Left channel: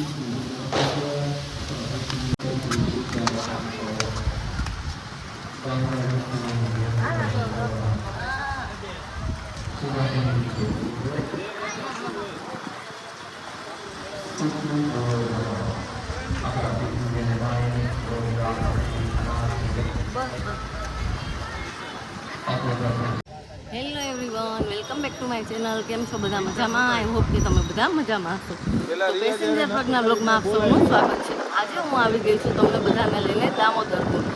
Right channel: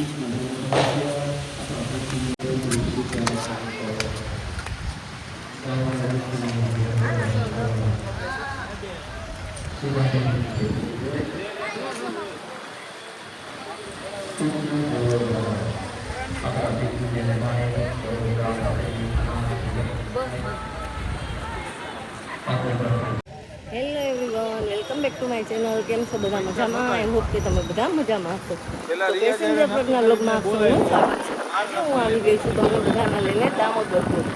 Hello everyone, welcome back to my channel. કેમ છો બધા? મજામાં? આઈ હોપ કે તમે બધા મજામાં હશો. તો પેસેન્જર બ્લોગના બ્લોગમાં આપ સૌનું સ્વાગત છે. આજે હું આવી ગઈ છું તમને બધાને લઈને દામોદર કુંડ.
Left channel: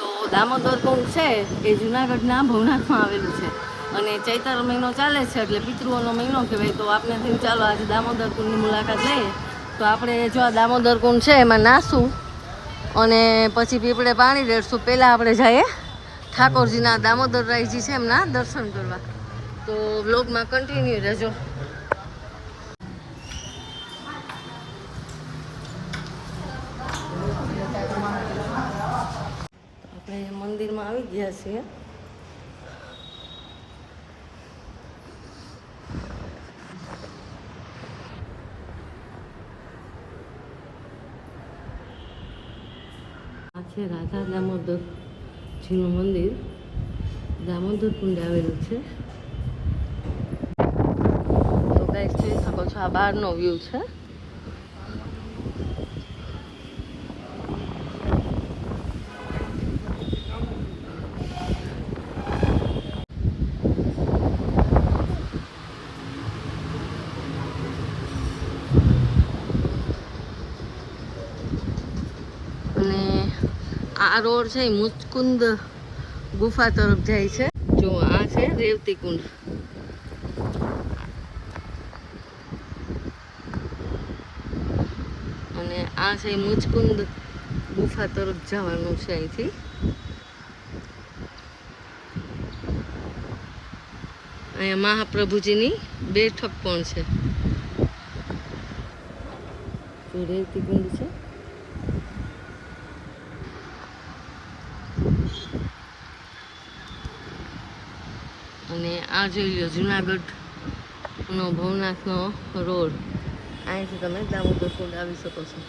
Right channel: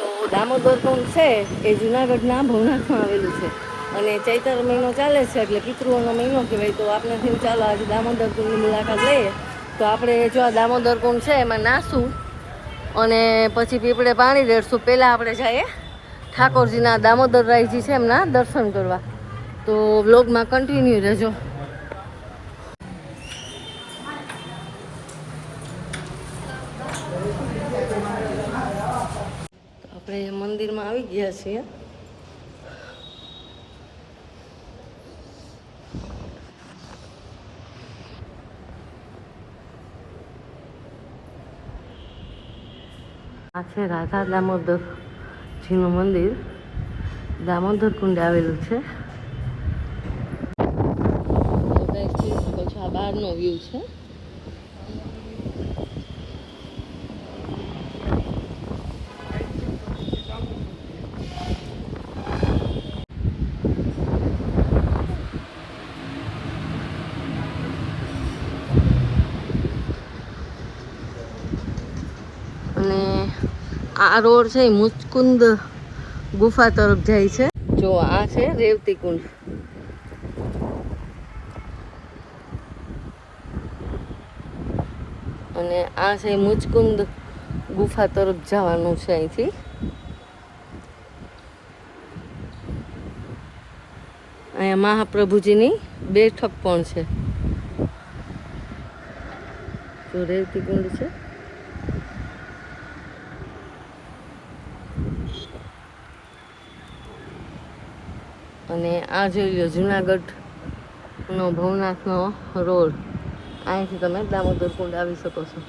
તો દામોદર કુંડ છે એ જુનાગઢના ભવનાથમાં આવેલું છે અને ચૈત્ર મહિનો ચાલે છે એટલે પિતૃઓનો મહિનો કહેવાય. તો આપણે થયું ચાલો આજે દામોદર કુંડની મુલાકાત લઈએ. તો આપણે જો આ દામોદર કુંડ છે એમાં નાહશું અને પછી પીપળે પાણી રેડશું. પહેલાં આપણે જઈએ ઠાકોરજીના દામોદરરાયજી છે એમના દર્શન કરવા. તો વ્લોગમાં કન્ટિન્યુ રહેજો. આપણે મંદિરમાં આવી ગયા છીએ. આ છે રાધા દામોદરજીનું મંદિર. દામોદર કુંડ આવેલું છે. તો ગાઈસ જોઈ શકો છો આ બહારનો વ્યૂ છે. અને આ રોડ છે એ મુચકુંદ ગુફા તરફ જાય છે. જો આ છે રેવતી કુંડ. અને આ છે મુચકુંદ ગુફા તરફ જવાનું છે અહીંથી. અહીંયા મહાપ્રભુજીની બેઠક પણ છે. જો રેવતી કુંડ છે. અને આ જોઈ લો જુનાગઢનો ભવનાથનો રોડ. અહીંથી તમે દામોદર કુંડ આવી શકો છો.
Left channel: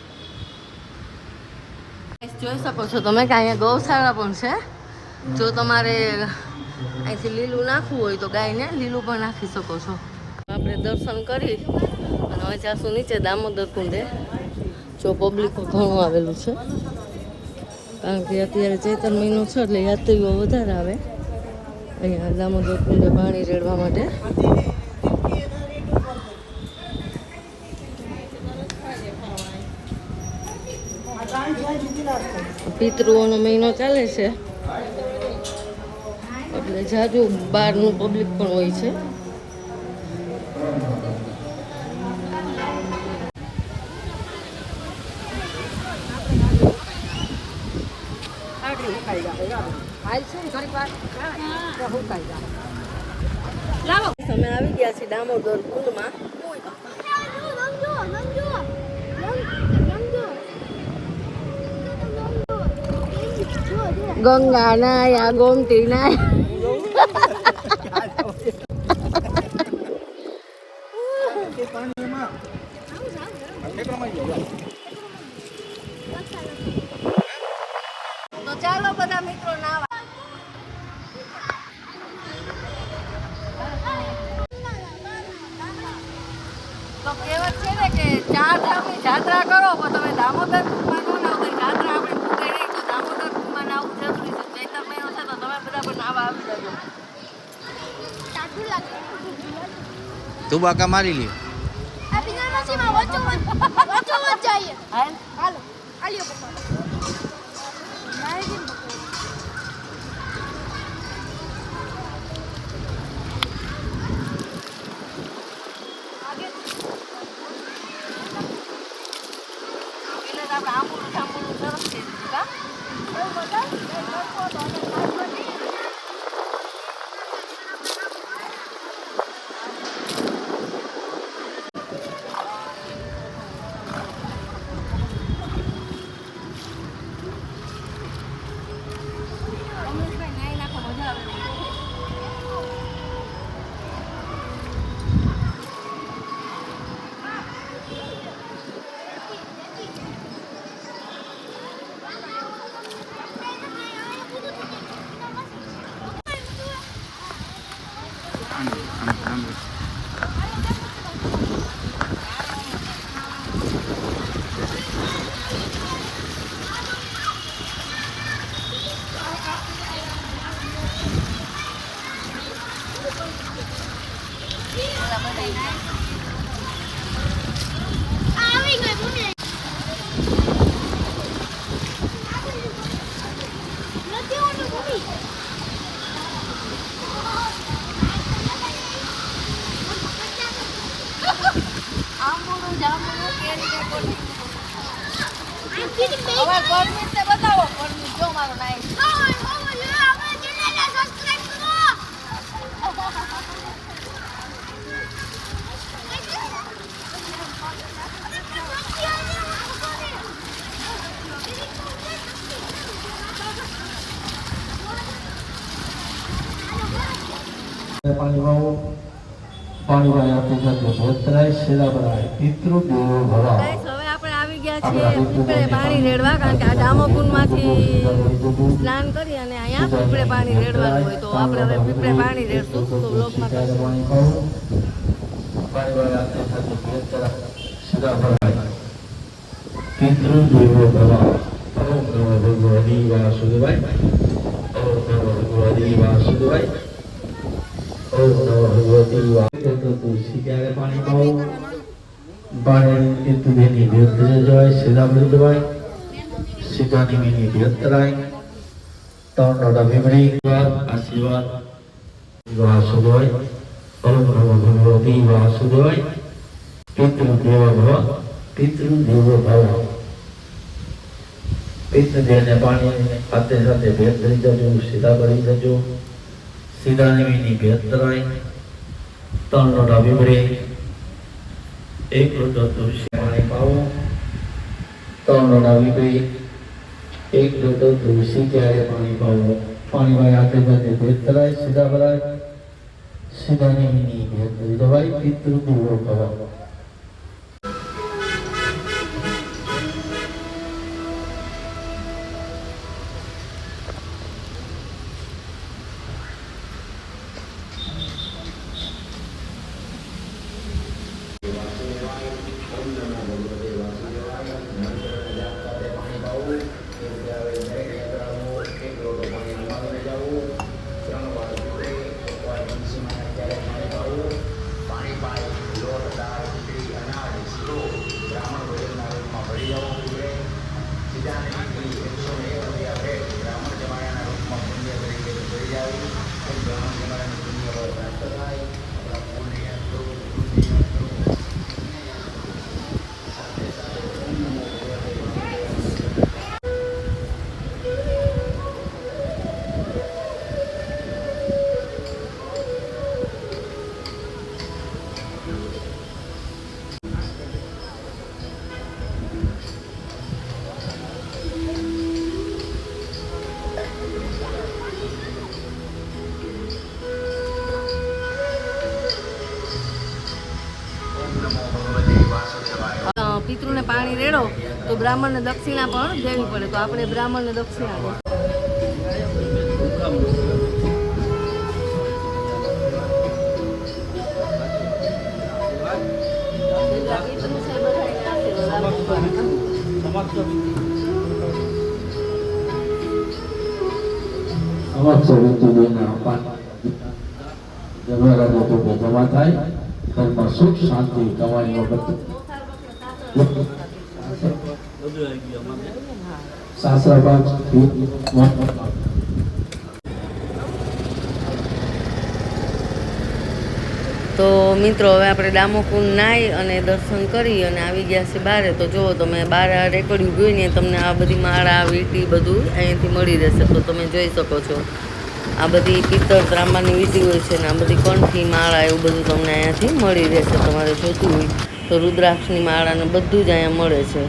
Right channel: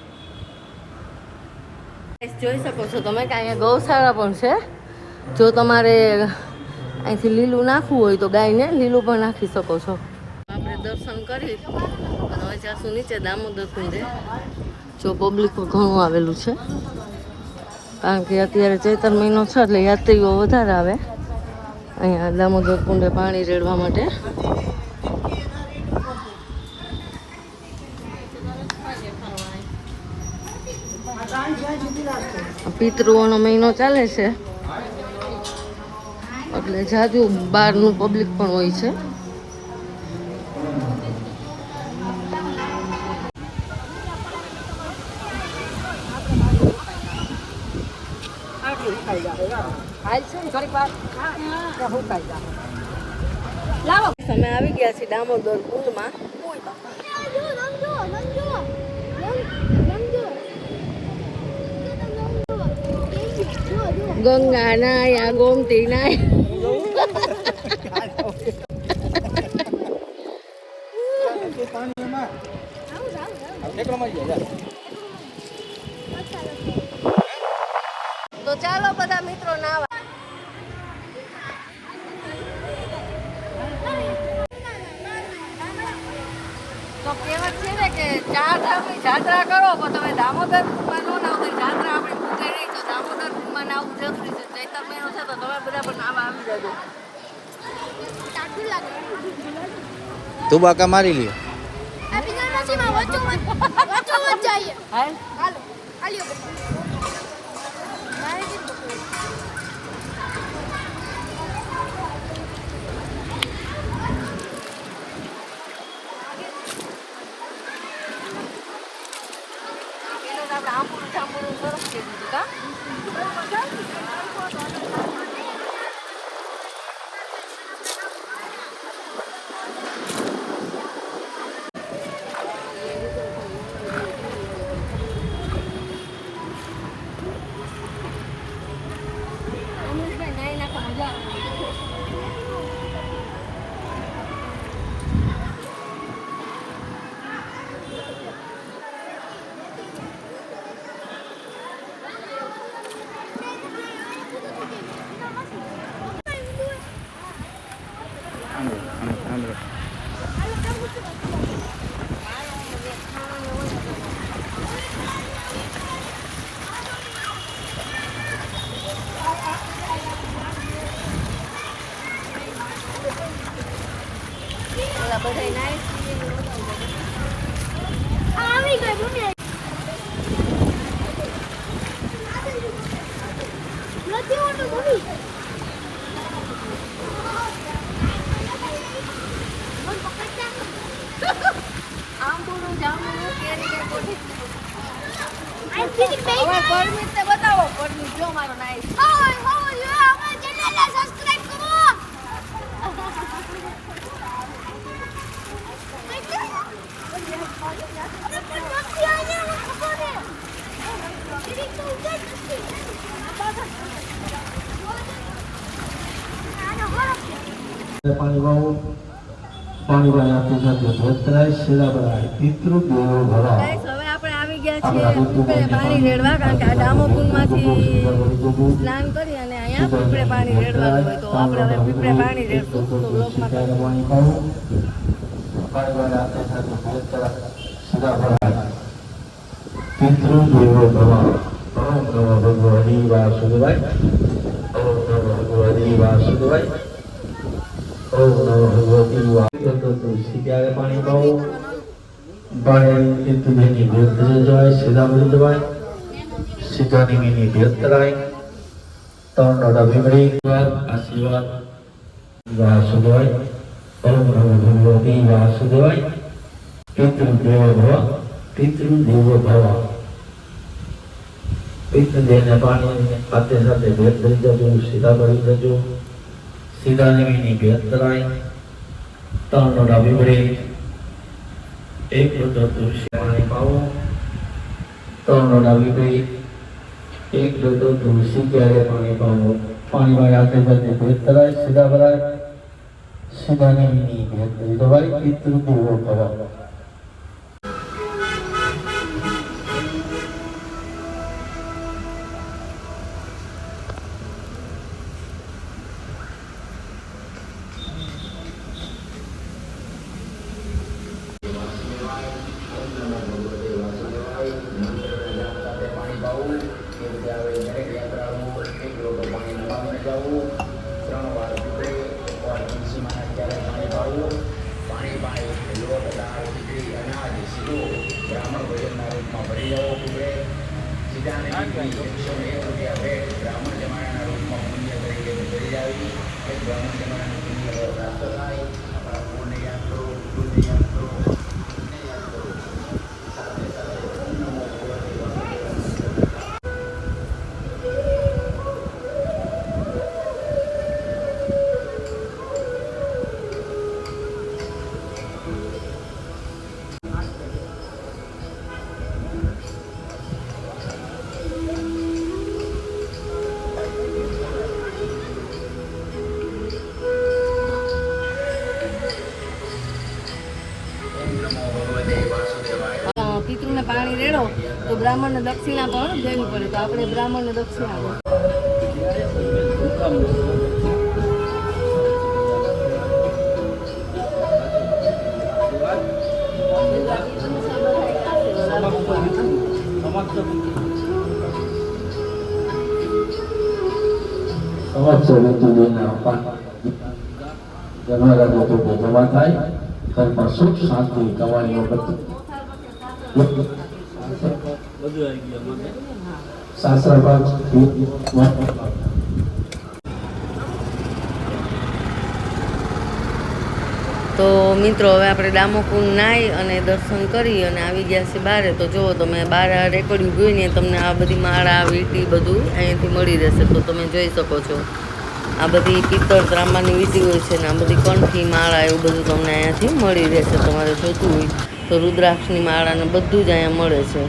જોઈ શકો છો તમે કે અહીંયા ગૌશાળા પણ છે. જો તમારે અહીંથી લીલું નાખવું હોય તો ગાયને લીલું પણ નાખી શકો છો. આપણે દર્શન કરી અને હવે જાશું નીચે દામોદર કુંડે. જો પબ્લિક ઘણું આવેલું છે કારણ કે અત્યારે ચૈત્ર મહિનો છે એટલે યાત્રીઓ વધારે આવે અહીંયા દામોદર કુંડે પાણી રેડવા માટે. પિતૃઓનો મહિનો ચાલે છે એટલે જાજુ બહારનું પબ્લિક પણ હોય છે. અમે આવી ગયા છીએ દામોદર કુંડમાં. ગંગા નાયા ગોમતી નાયા. તો ચાલો બધા મિત્રો નાવા. તો કહેવત છે ને કે 4 ધામની જાત્રા કરો પણ તમે દામોદર કુંડમાં ન નાવ તો જાત્રા આપણે પૂરી નહીં. તો દામોદર કુંડમાં નાવું જરૂરી છે. ચૈત્ર મહિનો છે તો તમે બધા પણ નાવા આવી જજો. તું બાકા મારી લ્યો. આંબુડું ઠાંબુડું સરસ થઈ દીધું કા. આવી ગઈ મને નથી હોતું મમ્મી આમ બોલું જામ બોલું કેરી કે કોની હવે હવે પરમિટ તે બતાવો પરમિટ જો મારો નાઈસ સબસ્ક્રાઇબ કરો પાણી વાવો પાણી વાય આપણી સાથે ભોતરાય શેલા ભરાય પિતૃ દેવો ભવા ગાઈસ હવે આપણે આવી ગયા છીએ પીપળે પાણી રેડવા કારણ કે આ ડામોકુંડમાંથી સ્નાન કરી અને અહીંયા પીપળે પાણી રેડવાનું હોય તો આપણે હવે પીપળે પાણી રેડશું તો બ્લોગમાં પાણી પાવો પાણી વાય આપણી સાથે ભોતરાય શેલા ભરાય પિતૃ દેવો ભવા ઓમ નમો ભગવતી વાસુદેવાય ઓમ નમો ભગવતી વાસુદેવાય ઓમ નમો ભગવતી વાસુદેવાય તુલસી ક્યારે પાણી પાવો બાળની તુજેની ભેદ જાય સીધા બુદ્ધવાય સીધાની મીની ભેદ કરાય ત્રણ નોડા ભીમડી આશીર્વાદ વાસુદેવાય ઓમ નમો ભગવતી વાસુદેવાય પિતૃ દેવ ભવ પિતૃ દેવ ભવ પિતૃ દેવને પાણી સાથે સાથે ભેદ ધરી જજો સીધા ભરી જજો સીધાની મીની ભેદ કરાય ત્રણ નોડા ભીમડી એક લોટો તુલસી પાણી પાવો ત્રણ લોટા વીપરી એક લોટો તુલસી ક્યારે પાણી પાવો પાણીમાં હાથે હાથે ભેદ કરાય સીધા ભરાય સીધાની મીની ભેદ કરી દવાય પિતૃ દેવો ભવ પિતૃને પાણી રેડો તો બ્રાહ્મણને દક્ષિણા પણ દેવી પડે તો આપણે બ્રાહ્મણને દક્ષિણા ભગવાન થાય ઘરમાં સુખ શાંતિ કમાણી વખત તો મિત્રો હવે આપણે ડામોકુંડ નાહી અને દર્શન કરી અને આવી ગયા છે બારે તો જુઓ તમે બાર રેકડ્યું ગયું ને તમને આ બધી માળા વીંટી બધું અહીંયાથી મળી રહેશે તો તમે જોઈ શકો છો આ બધી પિત્તળ ત્રાંબાની વીંટી હોય છે ને આ બધી કંઠી માળા એવું બધું તમને અહીંયાથી મળી રહેશે તમારે જોતું હોય તો રુદ્રાક્ષની માળા ને બધું જ અહીંયા મળે છે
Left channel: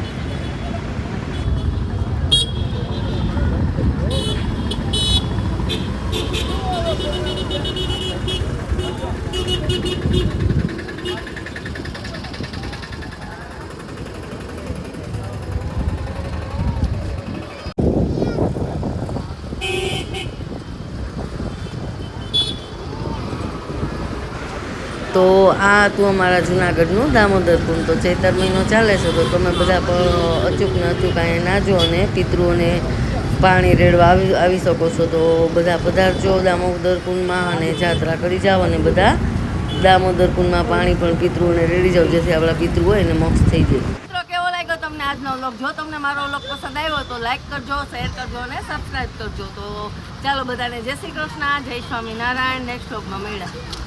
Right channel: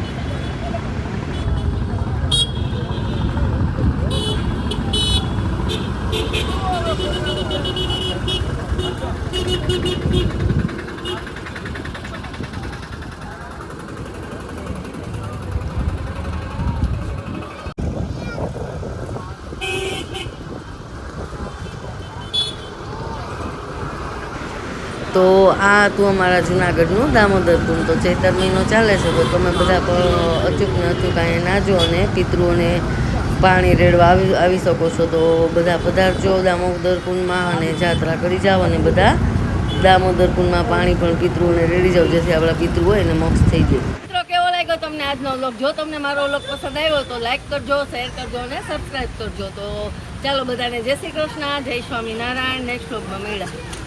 તો આ હતું અમારા જુનાગઢનું દામોદર કુંડ તો ચૈતર મહિનો ચાલે છે તો તમે બધા પણ અચૂક ને અચૂક અહીંયા નાજો અને પિતૃઓને પાણી રેડવા આવી શકો છો તો બધા પધારજો દામોદર કુંડમાં અને જાત્રા કરી જાઓ અને બધા દામોદર કુંડમાં પાણી પણ પિતૃઓને રેડી જાવ, જેથી આપણા પિતૃ હોય ને મોક્ષ થઈ જાય. મિત્રો કેવો લાગ્યો તમને આજનો વ્લોગ? જો તમને મારો વ્લોગ પસંદ આવ્યો તો લાઈક કરજો, શેર કરજો અને સબસ્ક્રાઈબ કરજો. તો ચાલો બધાને જય શ્રી કૃષ્ણ, જય સ્વામિનારાયણ. નેક્સ્ટ વ્લોગમાં મળ્યા.